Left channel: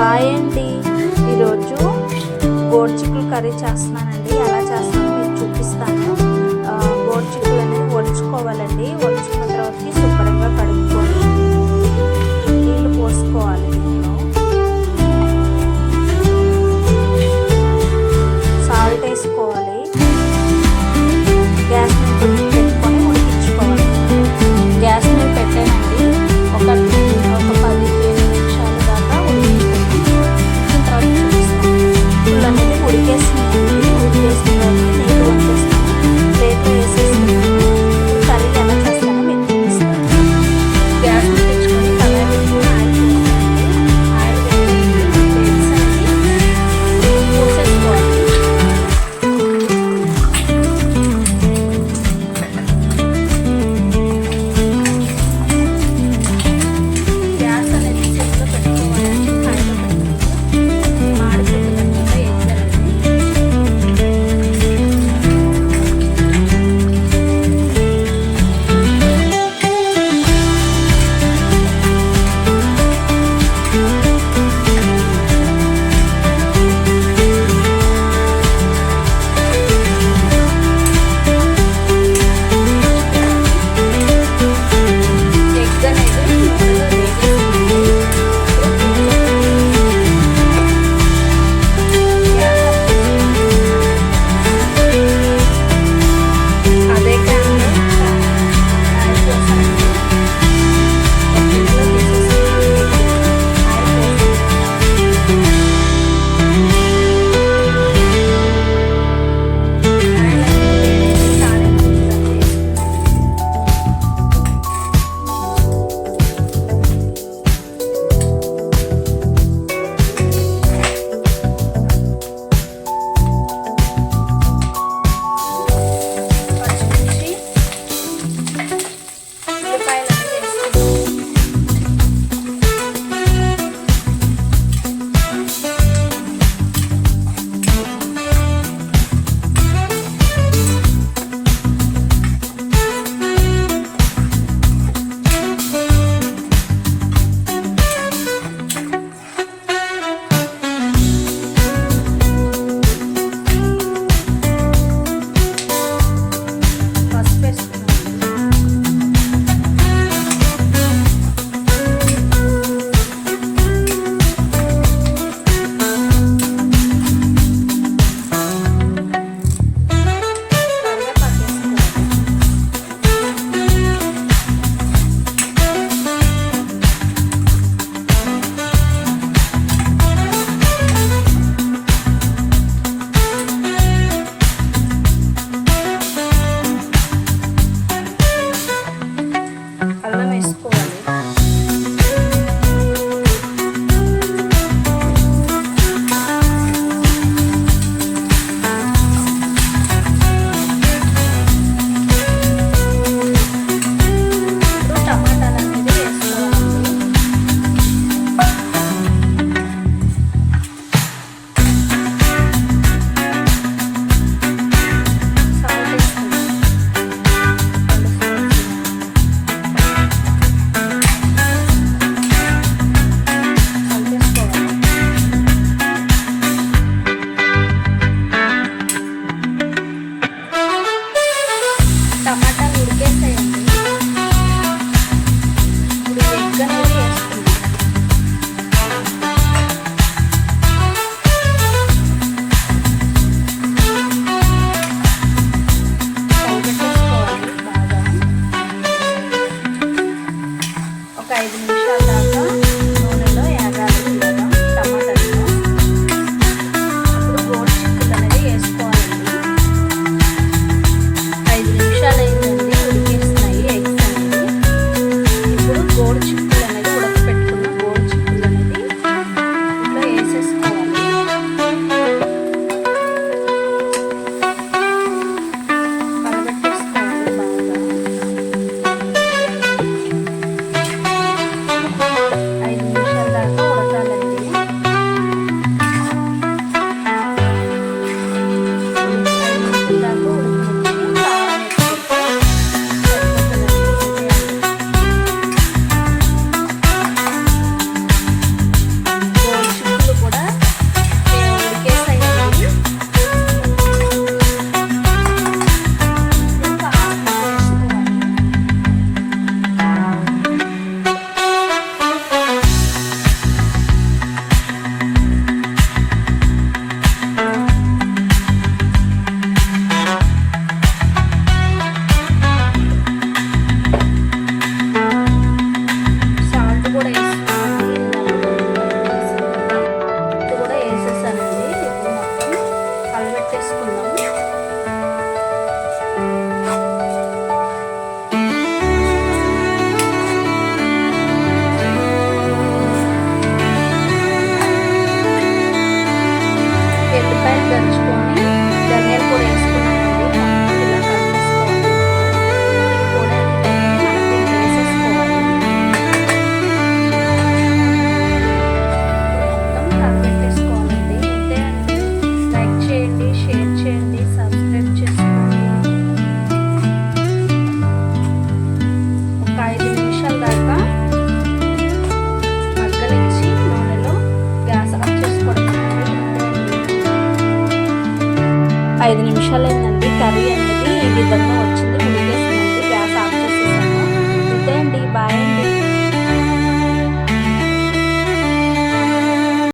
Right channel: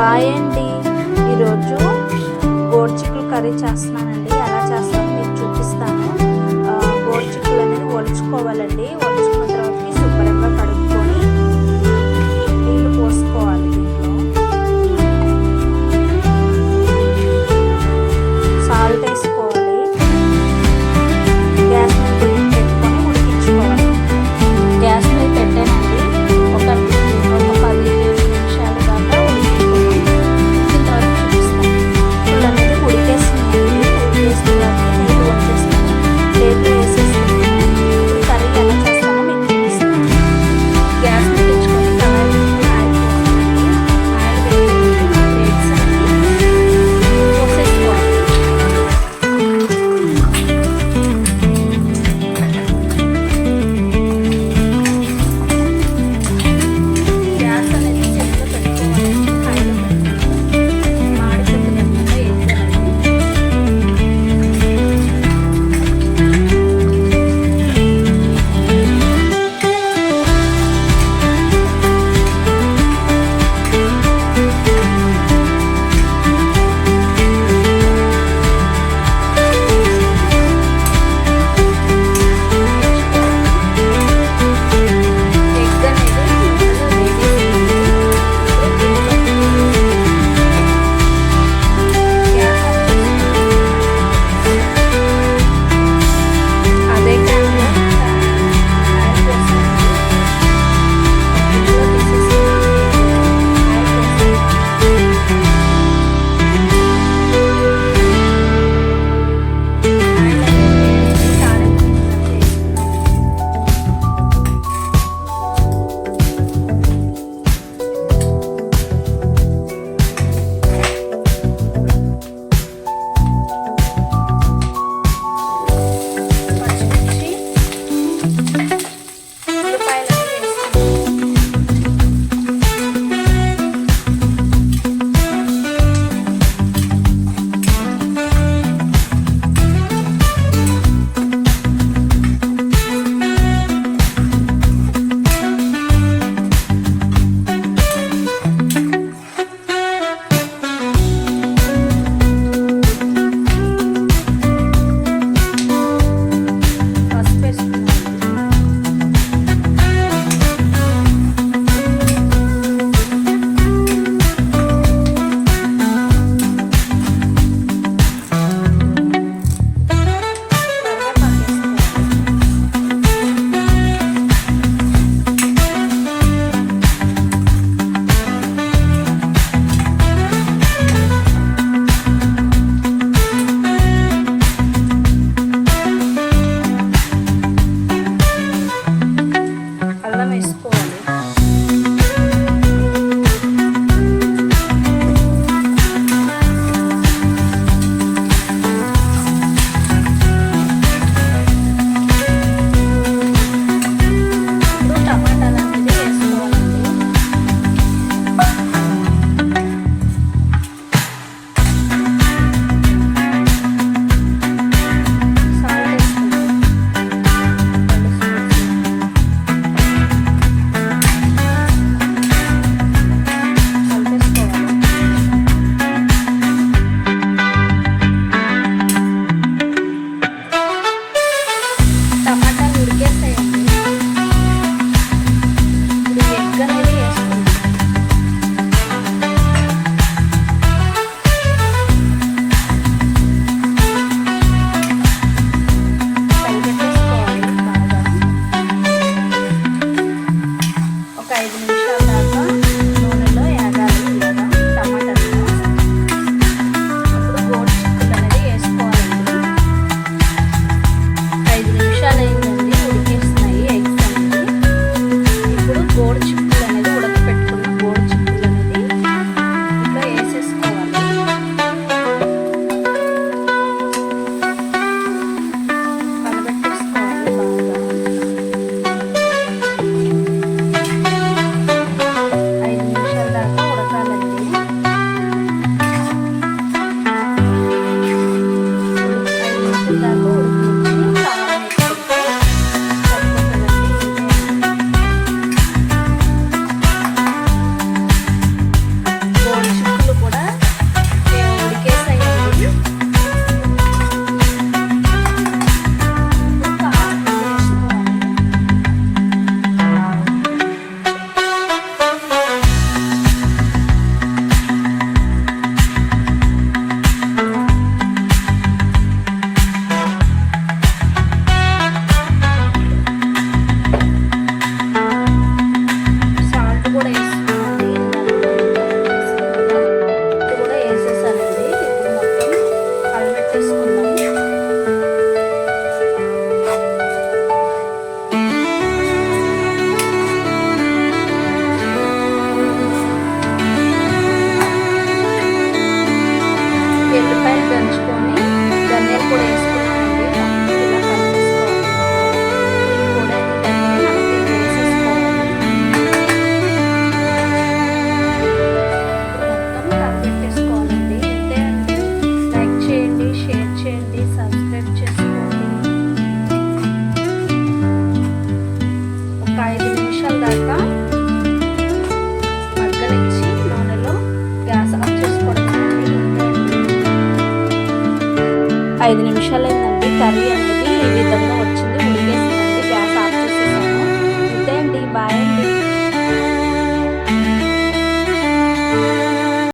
Hi అండి, ఈరోజు గోరుచిక్కుడు curry చేస్తున్నానండి. ఎలా చేస్తానో మీకు చూపిస్తాను. గోరుచిక్కుడు అనేది ఒలుచుకోవాలండి. ఒలుచుకున్న తర్వాతకి శుభ్రంగా కడుక్కొని నీళ్ళు పోసుకోవాలి. దీంట్లో సాల్ట్ వేసుకోవాలి. గ్యాస్ మీద పెట్టుకొని ఉడికించుకోవాలి. గ్యాస్ మీద పెట్టానండి. ఒక 15 నిమిషాలు దాకా ఉడికించుకున్నాం. ఉడికిన తర్వాత చూపిస్తాను. పుల్ అనేది ఉడికేస్తున్నాయండి. ఉడికేసిన తర్వాత నీళ్ళు వంచేసుకొని ప్లేట్లో వేసేసుకున్నాను. ఇప్పుడు కర్రీ ఎలా చేస్తానో మీకు చూపిస్తాను. గ్యాస్ ముట్టించుకొని కళాయి పెట్టుకుని ఆయిల్ పోసానండి. దంచుకొని ధనియాలు కూడా వేసుకున్నానండి. మొత్తం ఇలా కలిపేసుకోవాలి. ఇది కూడా ఇదన్నీ మనం దీంట్లో వేసేసుకోవాలి. మొత్తం కలిపెట్టేసుకోవాలండి. ఇంతే అండి. లైక్ చేయండి, షేర్ చేయండి, సబ్స్క్రైబ్ చేసుకోండి. ఒక 5 నిమిషాల దాకా మగ్గనిచ్చి నూనెలో గ్యాస్ ఆఫ్ చేసుకోవడమేనండి. ఇంతే అండి. 5 నిమిషాలు అయిందండి. కర్రీ అనేది ఈ విధంగా వచ్చింది. ఉడికేసిందండి. గ్యాస్ ఆఫ్ చేసేసాను. ఇంతే అండి. బాయ్.